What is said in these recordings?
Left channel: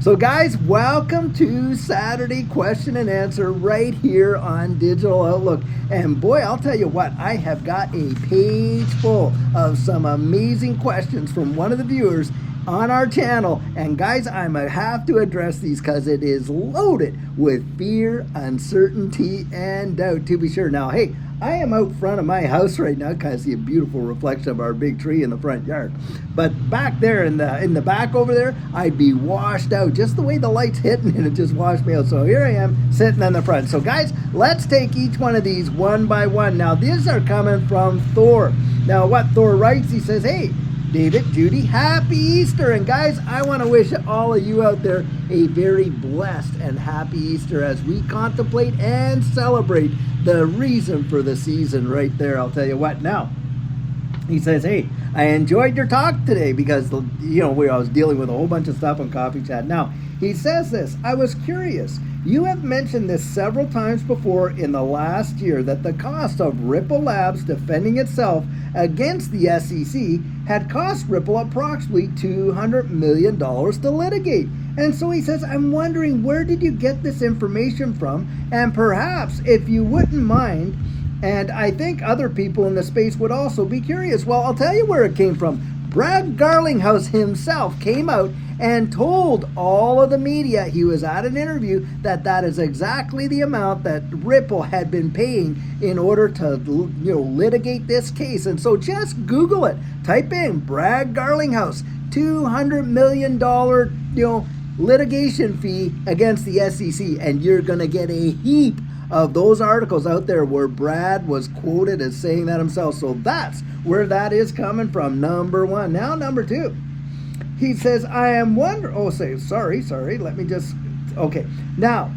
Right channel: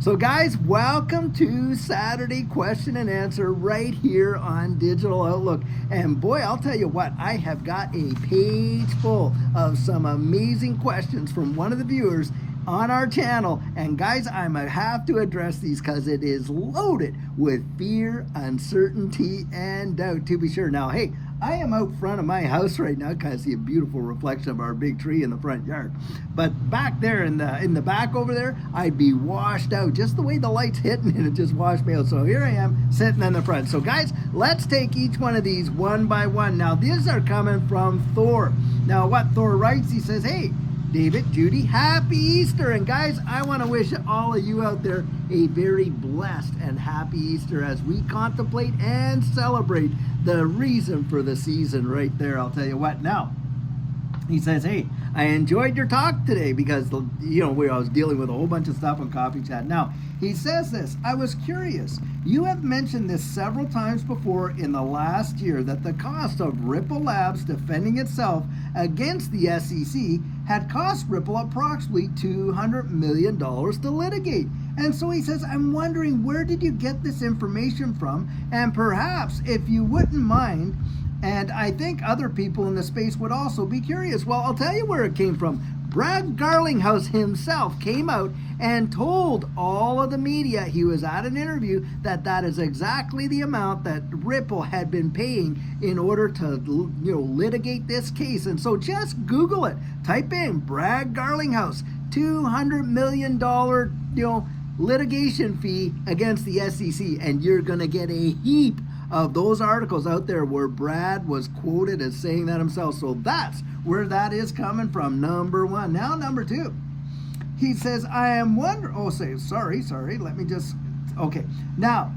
So guys, welcome to Saturday Question and Answer right here on Digital Outlook. And boy, I'll tell you what, I have got a page full of some amazing questions from one of the viewers on our channel. And guys, I might have to address these because it is loaded with fear, uncertainty, and doubt, to be sure. Now, hey, I am out front of my house right now because see a beautiful reflection of our big tree in the front yard. But back there in the back over there, I'd be washed out. Just the way the light's hitting it just washed me out. So here I am sitting in the front. So guys, let's take each one of these one by one. Now these are coming from Thor. Now what Thor writes, he says, hey, David, Judy, happy Easter. And guys, I want to wish all of you out there a very blessed and happy Easter as we contemplate and celebrate the reason for the season right there. I'll tell you what now. He says, hey, I enjoyed your talk today because, I was dealing with a whole bunch of stuff on Coffee Chat. Now, he says this, I was curious. You have mentioned this several times before in the last year that the cost of Ripple Labs defending itself against the SEC had cost Ripple approximately $200 million to litigate. And so he says, I'm wondering, where did you get this information from? And perhaps, if you wouldn't mind, and I think other people in the space would also be curious. Well, I'll tell you where it came from. Brad Garlinghouse himself came out and told all of the media, he was at an interview, that is exactly the amount that Ripple had been paying in order to litigate this case. And so just Google it. Type in Brad Garlinghouse, $200 million litigation fee against the SEC, and you're going to get a heap of those articles out there where Brad was quoted as saying that himself. So that's where that is coming from, number one. Now, number two. He says, I am wondering, sorry, let me just, okay. Now,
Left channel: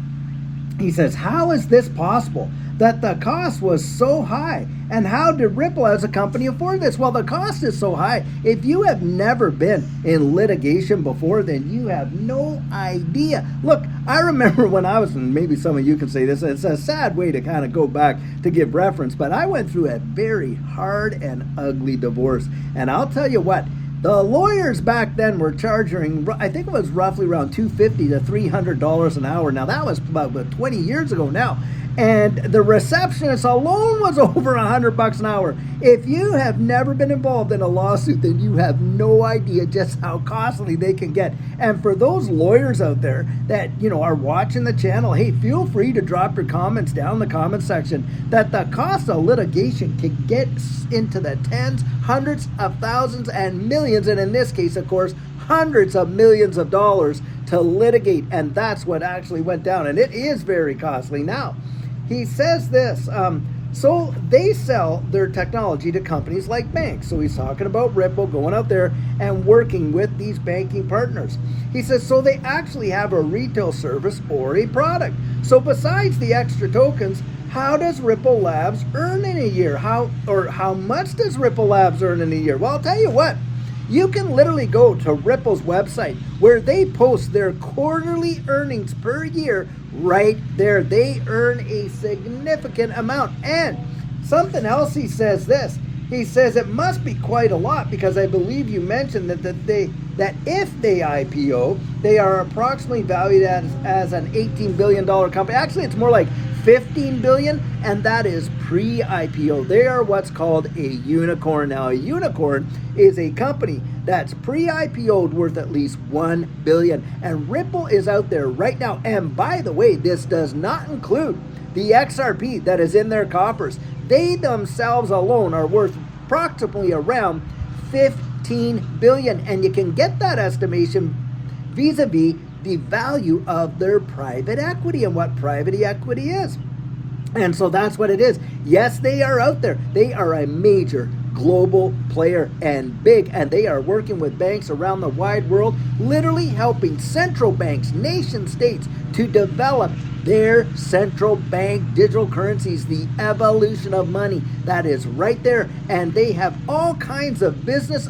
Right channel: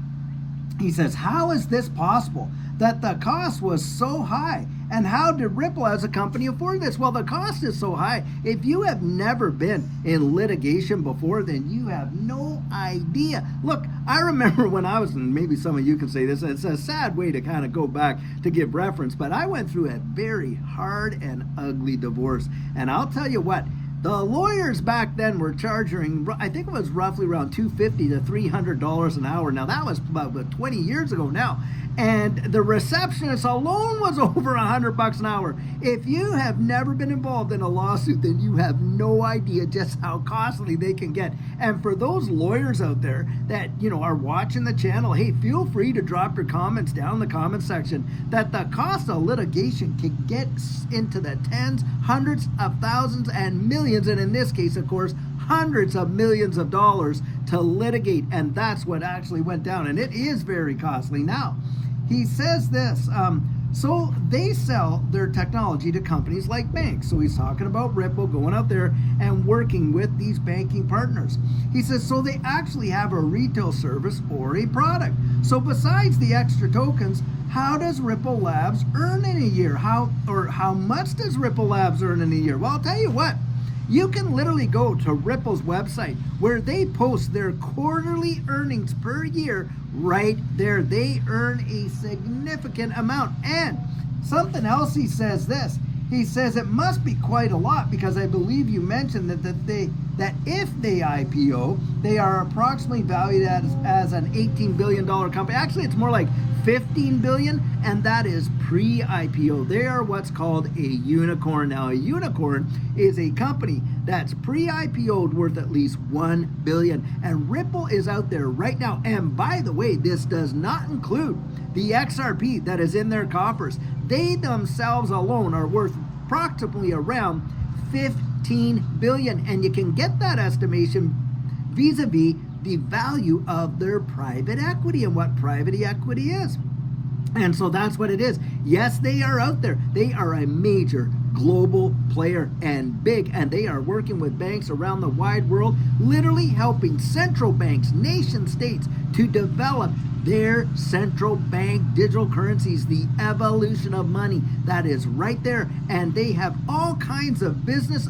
he says, how is this possible that the cost was so high? And how did Ripple as a company afford this? Well, the cost is so high. If you have never been in litigation before, then you have no idea. Look, I remember when I was, and maybe some of you can say this, it's a sad way to kind of go back to give reference, but I went through a very hard and ugly divorce. And I'll tell you what, the lawyers back then were charging, I think it was roughly around $250 to $300 an hour. Now, that was about 20 years ago now. And the receptionist alone was over $100 an hour. If you have never been involved in a lawsuit, then you have no idea just how costly they can get. And for those lawyers out there that, are watching the channel, hey, feel free to drop your comments down in the comment section that the cost of litigation can get into the tens, hundreds of thousands, and millions, and in this case, of course, hundreds of millions of dollars to litigate. And that's what actually went down. And it is very costly. Now, he says this, so they sell their technology to companies like banks. So he's talking about Ripple going out there and working with these banking partners. He says, so they actually have a retail service or a product. So besides the extra tokens, how does Ripple Labs earn in a year? How much does Ripple Labs earn in a year? Well, I'll tell you what. You can literally go to Ripple's website where they post their quarterly earnings per year right there. They earn a significant amount. And something else, he says this. He says it must be quite a lot because I believe you mentioned that if they IPO, they are approximately valued as an $18 billion company. Actually, it's more like $15 billion, and that is pre-IPO. They are what's called a unicorn. Now, a unicorn is a company that's pre-IPO'd worth at least $1 billion. And Ripple is out there right now. And by the way, this does not include the XRP that is in their coffers. They themselves alone are worth approximately around $15 billion. And you can get that estimation vis-a-vis the value of their private equity and what private equity is. And so that's what it is. Yes, they are out there. They are a major global player and big, and they are working with banks around the wide world, literally helping central banks, nation states, to develop their central bank digital currencies, the evolution of money. That is right there. And they have all kinds of business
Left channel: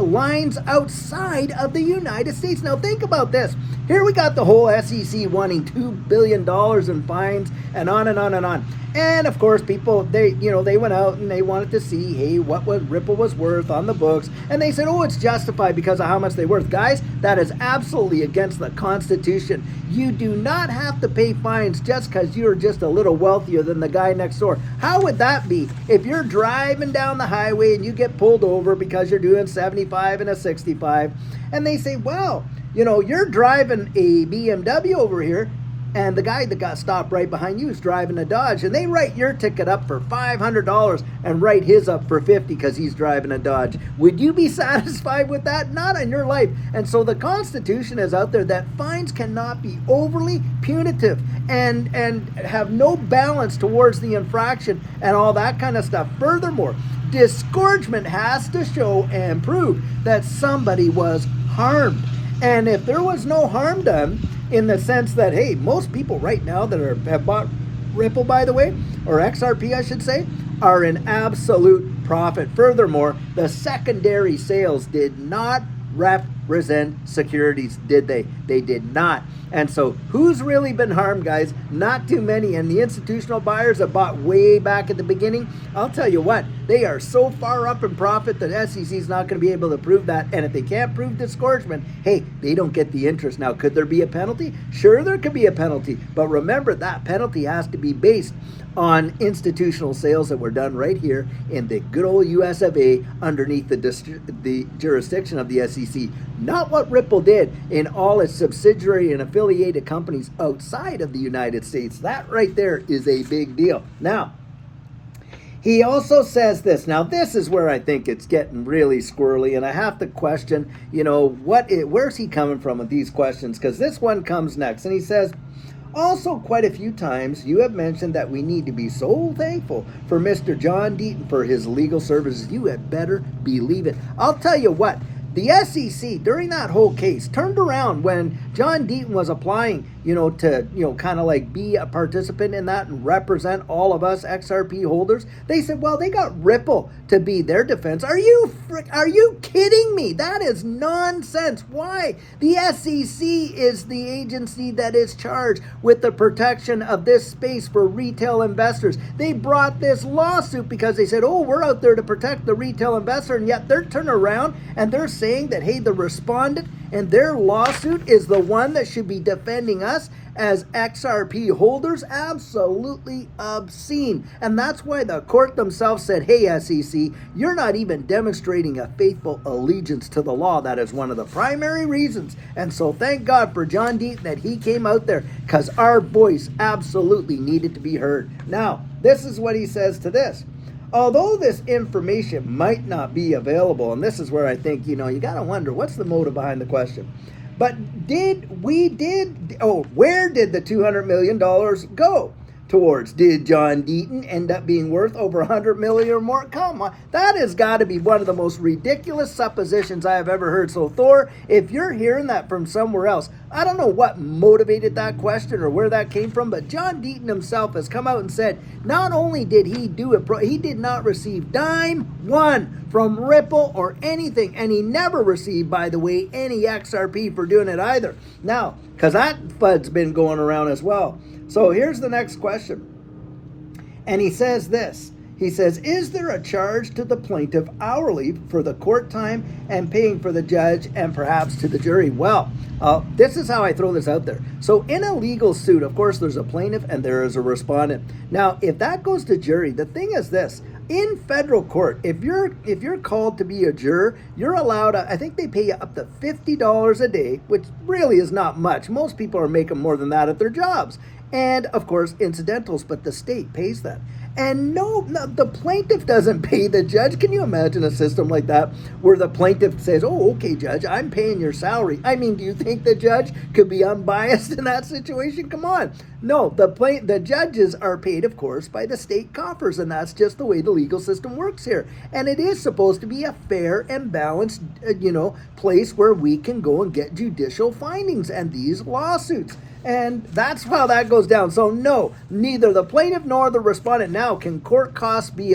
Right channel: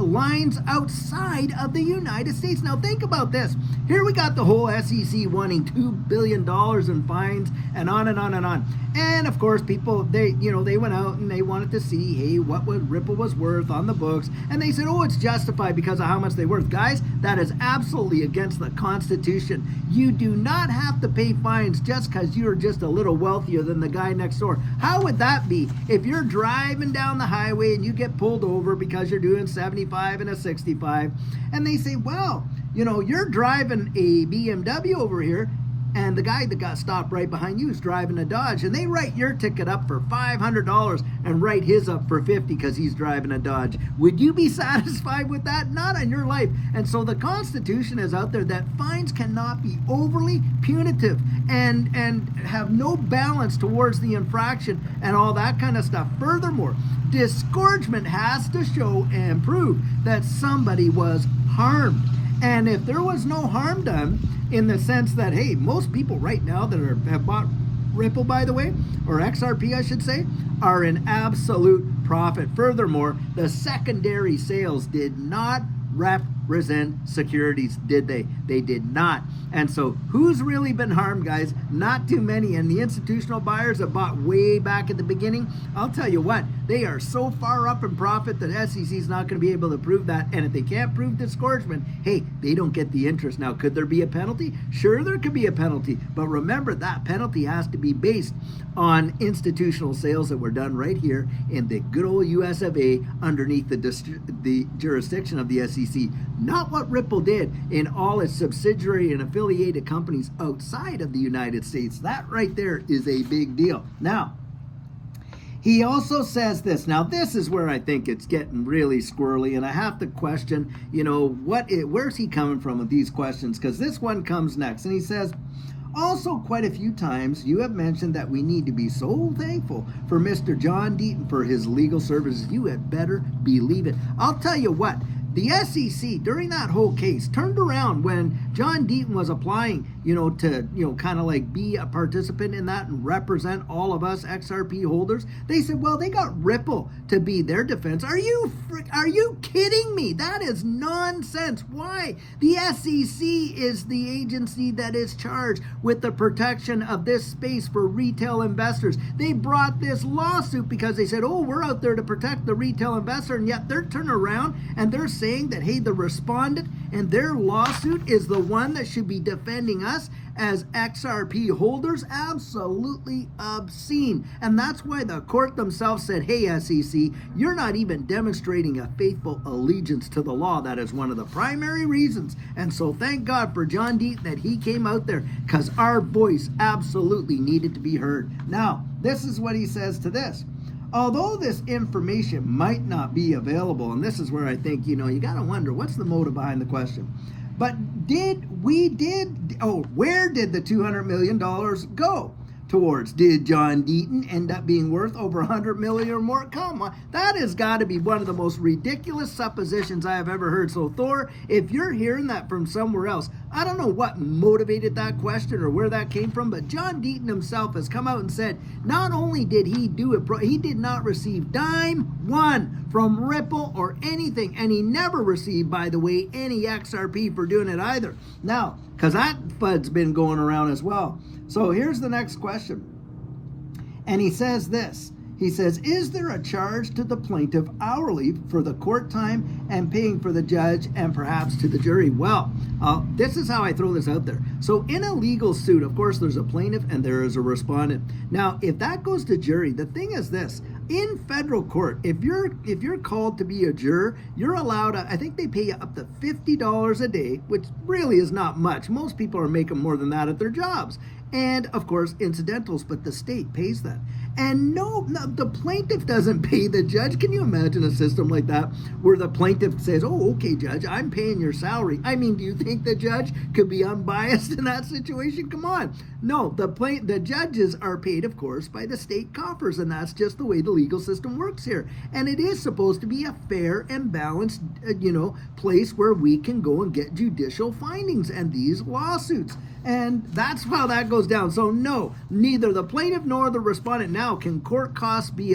lines outside of the United States. Now think about this. Here we got the whole SEC wanting $2 billion in fines and on and on and on. And of course, people, they went out and they wanted to see, hey, what Ripple was worth on the books. And they said, oh, it's justified because of how much they're worth. Guys, that is absolutely against the Constitution. You do not have to pay fines just because you're just a little wealthier than the guy next door. How would that be if you're driving down the highway and you get pulled over because you're doing 75 and a 65, and they say, well, you're driving a BMW over here, and the guy that got stopped right behind you is driving a Dodge, and they write your ticket up for $500 and write his up for $50 because he's driving a Dodge. Would you be satisfied with that? Not in your life. And so the Constitution is out there that fines cannot be overly punitive and have no balance towards the infraction and all that kind of stuff. Furthermore, disgorgement has to show and prove that somebody was harmed. And if there was no harm done, in the sense that, hey, most people right now that have bought Ripple, by the way, or XRP, I should say, are in absolute profit. Furthermore, the secondary sales did not represent securities, did they? They did not. And so who's really been harmed, guys? Not too many. And the institutional buyers that bought way back at the beginning, I'll tell you what, they are so far up in profit that SEC is not going to be able to prove that. And if they can't prove disgorgement, hey, they don't get the interest. Now, could there be a penalty? Sure, there could be a penalty. But remember, that penalty has to be based on institutional sales that were done right here in the good old US of A underneath the jurisdiction of the SEC. Not what Ripple did in all its subsidiary and affiliated companies outside of the United States. That right there is a big deal. Now, he also says this. Now, this is where I think it's getting really squirrely, and I have to question, where's he coming from with these questions? Because this one comes next, and he says, also, quite a few times, you have mentioned that we need to be so thankful for Mr. John Deaton for his legal services. You had better believe it. I'll tell you what, the SEC, during that whole case, turned around when John Deaton was applying, to, kind of like be a participant in that and represent all of us XRP holders. They said, well, they got Ripple to be their defense. Are you kidding me? That is nonsense. Why? The SEC is the agency that is charged with the protection of this space for retail investors. They brought this lawsuit because they said, oh, we're out there to protect the retail investor, and yet they're turning around and they're saying that, hey, the respondent and their lawsuit is the one that should be defending us as XRP holders. Absolutely obscene. And that's why the court themselves said, hey, SEC, you're not even demonstrating a faithful allegiance to the law. That is one of the primary reasons. And so thank God for John Deaton that he came out there, because our voice absolutely needed to be heard. Now, this is what he says to this. Although this information might not be available, and this is where I think, you got to wonder, what's the motive behind the question? But where did the $200 million go towards? Did John Deaton end up being worth over $100 million or more? Come on, that has got to be one of the most ridiculous suppositions I have ever heard. So Thor, if you're hearing that from somewhere else, I don't know what motivated that question or where that came from, but John Deaton himself has come out and said not only did he do it, he did not receive dime one from Ripple or anything, and he never received, by the way, any XRP for doing it either. Now, because that FUD's been going around as well. So here's the next question. And he says this. He says, is there a charge to the plaintiff hourly for the court time and paying for the judge and perhaps to the jury? Well, this is how I throw this out there. So in a legal suit, of course, there's a plaintiff and there is a respondent. Now, if that goes to jury, the thing is this. In federal court, if you're called to be a juror, you're allowed, I think they pay you up to $50 a day, which really is not much. Most people are making more than that at their jobs. And, of course, incidentals, but the state pays that. And no, the plaintiff doesn't pay the judge. Can you imagine a system like that where the plaintiff says, oh, okay, judge, I'm paying your salary? I mean, do you think the judge could be unbiased in that situation? Come on. No, the judges are paid, of course, by the state coffers, and that's just the way the legal system works here. And it is supposed to be a fair and balanced, place where we can go and get judicial findings and these lawsuits. And that's how that goes down. So no, neither the plaintiff nor the respondent now can court costs be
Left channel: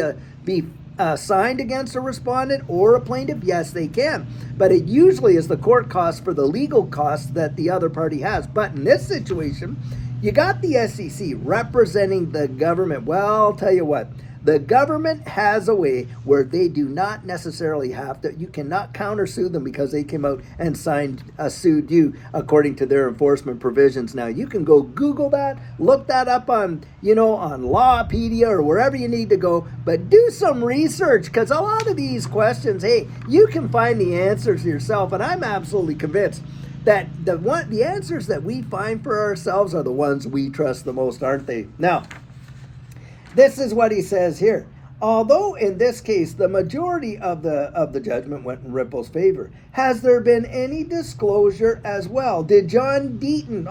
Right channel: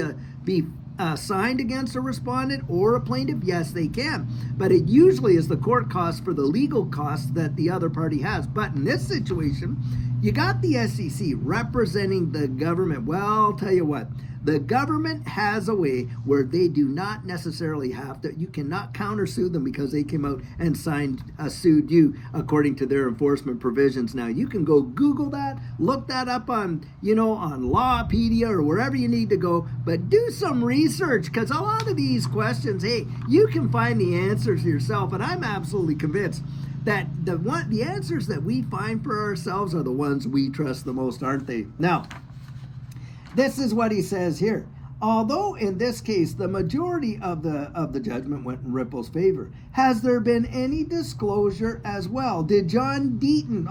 assigned against a respondent or a plaintiff? Yes, they can. But it usually is the court cost for the legal costs that the other party has. But in this situation, you got the SEC representing the government. Well, I'll tell you what. The government has a way where they do not necessarily have to, you cannot countersue them because they came out and sued you according to their enforcement provisions. Now, you can go Google that, look that up on, on Lawpedia or wherever you need to go, but do some research because a lot of these questions, hey, you can find the answers yourself, and I'm absolutely convinced that the answers that we find for ourselves are the ones we trust the most, aren't they? Now, this is what he says here. Although in this case the majority of the judgment went in Ripple's favor, has there been any disclosure as well? Did John Deaton,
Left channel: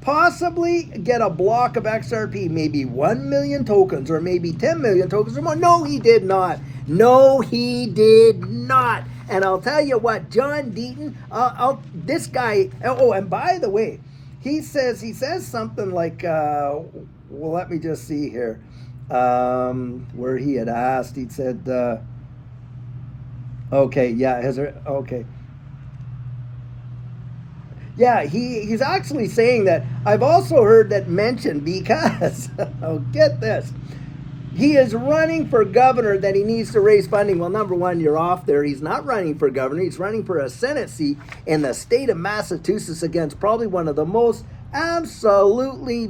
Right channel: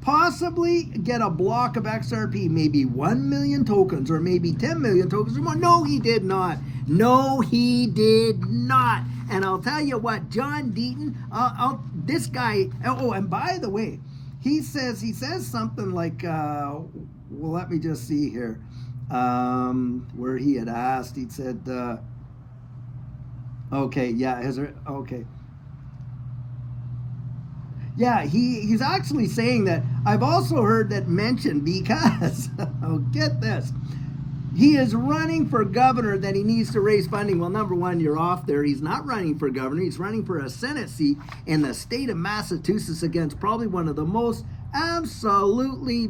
possibly get a block of XRP, maybe 1 million tokens or maybe 10 million tokens or more? No, he did not. No, he did not. And I'll tell you what, John Deaton, this guy. Oh, and by the way, he says something like, well, let me just see here. Where he had asked, he said, he's actually saying that I've also heard that mentioned because, get this, he is running for governor, that he needs to raise funding. Well, number one, you're off there. He's not running for governor. He's running for a Senate seat in the state of Massachusetts against probably one of the most absolutely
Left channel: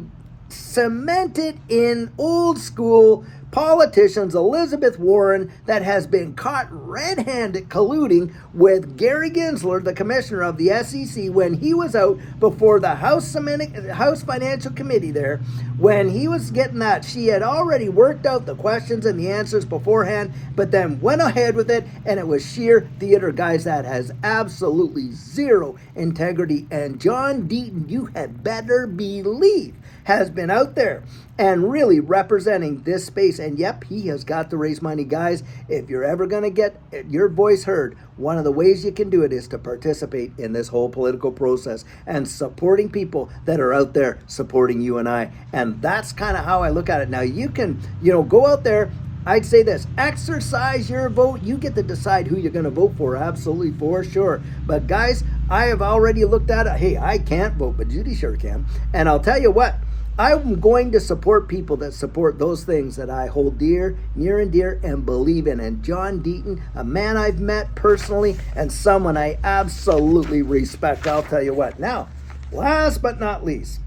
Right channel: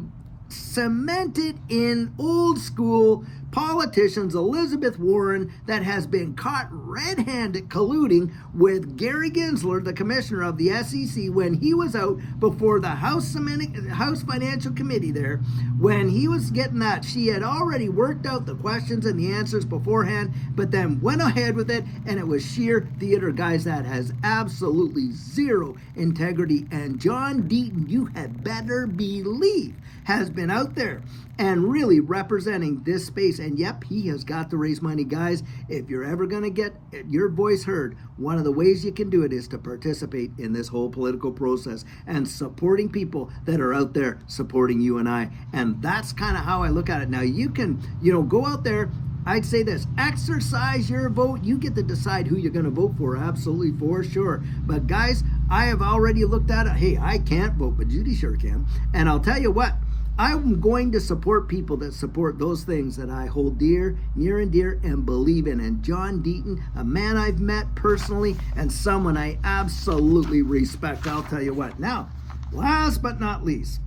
cemented in old school politicians, Elizabeth Warren, that has been caught red-handed colluding with Gary Gensler, the commissioner of the SEC, when he was out before the House Financial Committee there, when he was getting that. She had already worked out the questions and the answers beforehand, but then went ahead with it, and it was sheer theater. Guys, that has absolutely zero integrity, and John Deaton, you had better believe, has been out there and really representing this space. And yep, he has got to raise money. Guys, if you're ever going to get your voice heard, one of the ways you can do it is to participate in this whole political process and supporting people that are out there supporting you and I. And that's kind of how I look at it. Now, you can, go out there. I'd say this, exercise your vote. You get to decide who you're going to vote for, absolutely, for sure. But guys, I have already looked at it. Hey, I can't vote, but Judy sure can. And I'll tell you what, I'm going to support people that support those things that I hold dear, near and dear, and believe in. And John Deaton, a man I've met personally and someone I absolutely respect. I'll tell you what. Now, last but not least.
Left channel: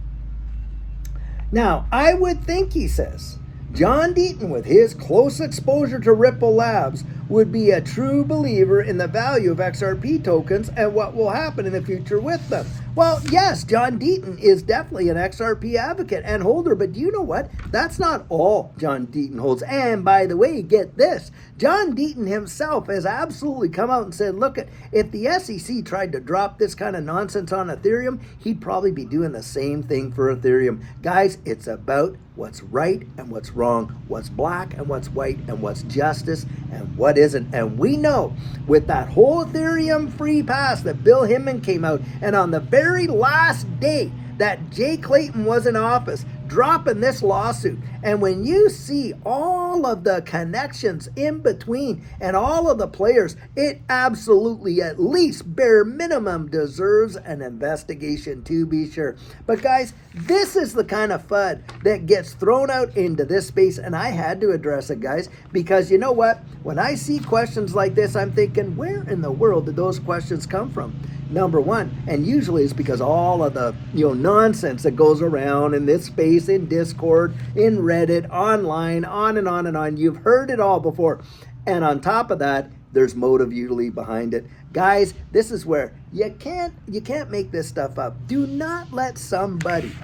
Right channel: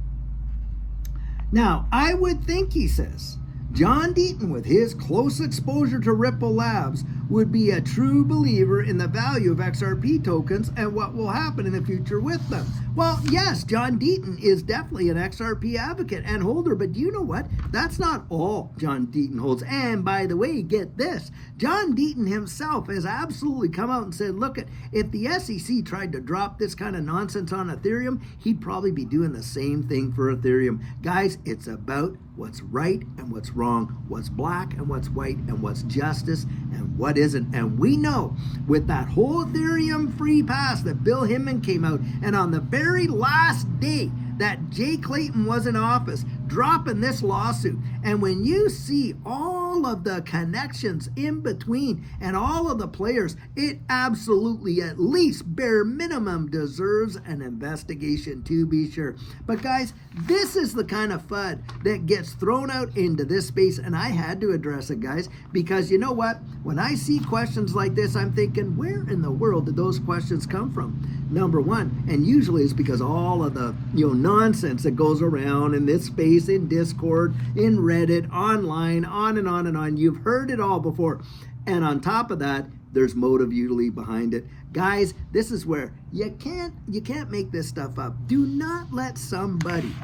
Now, I would think, he says, John Deaton, with his close exposure to Ripple Labs, would be a true believer in the value of XRP tokens and what will happen in the future with them. Well, yes, John Deaton is definitely an XRP advocate and holder, but do you know what? That's not all John Deaton holds. And by the way, get this, John Deaton himself has absolutely come out and said, look, if the SEC tried to drop this kind of nonsense on Ethereum, he'd probably be doing the same thing for Ethereum. Guys, it's about what's right and what's wrong, what's black and what's white, and what's justice and what isn't. And we know with that whole Ethereum free pass that Bill Hinman came out, and on the very last day that Jay Clayton was in office, dropping this lawsuit. And when you see all of the connections in between and all of the players, it absolutely, at least bare minimum, deserves an investigation, to be sure. But guys, this is the kind of FUD that gets thrown out into this space, and I had to address it, guys, because you know what? When I see questions like this, I'm thinking, where in the world did those questions come from? Number one, and usually it's because all of the nonsense that goes around in this space, in Discord, in Reddit, online, on and on and on. You've heard it all before. And on top of that, there's motive usually behind it. Guys, this is where you can't make this stuff up. Do not let somebody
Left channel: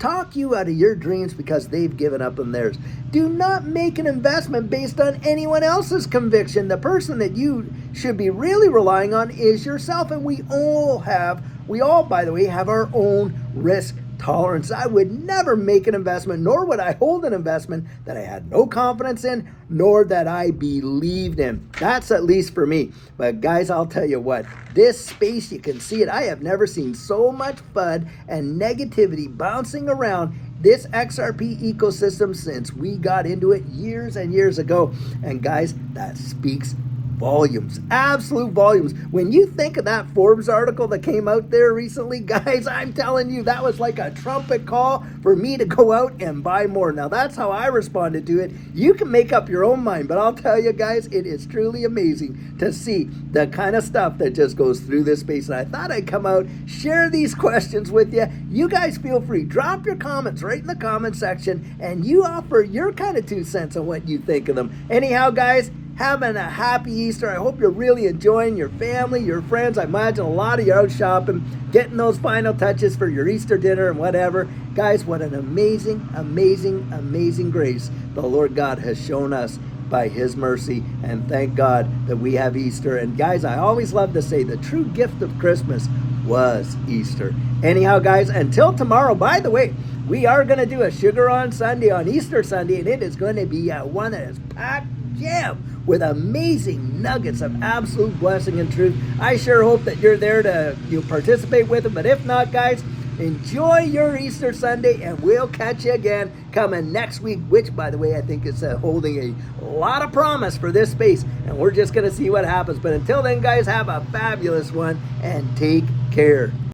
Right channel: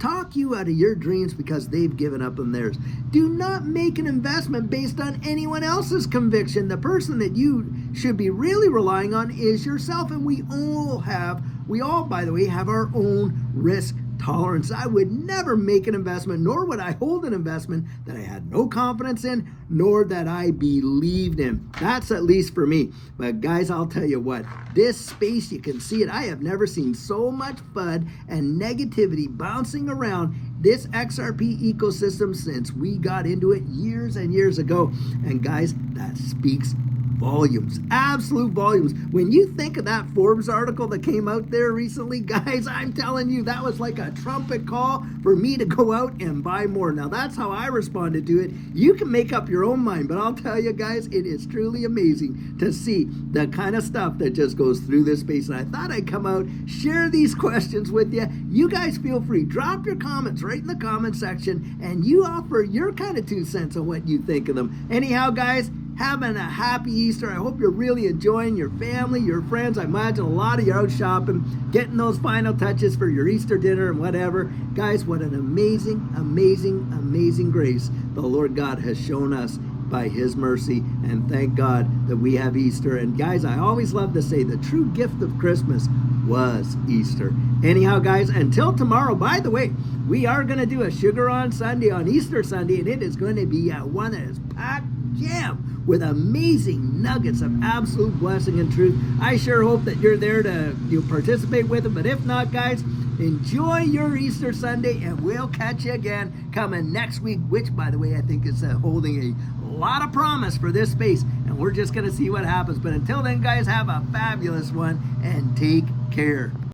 talk you out of your dreams because they've given up on theirs. Do not make an investment based on anyone else's conviction. The person that you should be really relying on is yourself. And we all, by the way, have our own risk tolerance. I would never make an investment, nor would I hold an investment that I had no confidence in, nor that I believed in. That's at least for me. But guys, I'll tell you what, this space, you can see it. I have never seen so much FUD and negativity bouncing around this XRP ecosystem since we got into it years and years ago. And guys, that speaks volumes, absolute volumes. When you think of that Forbes article that came out there recently, guys, I'm telling you, that was like a trumpet call for me to go out and buy more. Now, that's how I responded to it. You can make up your own mind, but I'll tell you guys, it is truly amazing to see the kind of stuff that just goes through this space. And I thought I'd come out, share these questions with you. You guys feel free. Drop your comments right in the comment section, and you offer your kind of 2 cents on what you think of them. Anyhow, guys, having a happy Easter. I hope you're really enjoying your family, your friends. I imagine a lot of you out shopping, getting those final touches for your Easter dinner and whatever. Guys, what an amazing, amazing, amazing grace the Lord God has shown us by His mercy. And thank God that we have Easter. And guys, I always love to say the true gift of Christmas was Easter. Anyhow, guys, until tomorrow, by the way, we are going to do a Sugar on Sunday on Easter Sunday, and it is going to be one that is packed jam with amazing nuggets of absolute blessing and truth. I sure hope that you're there to participate with it. But if not, guys, enjoy your Easter Sunday, and we'll catch you again coming next week, which, by the way, I think is holding a lot of promise for this space, and we're just going to see what happens. But until then, guys, have a fabulous one and take care.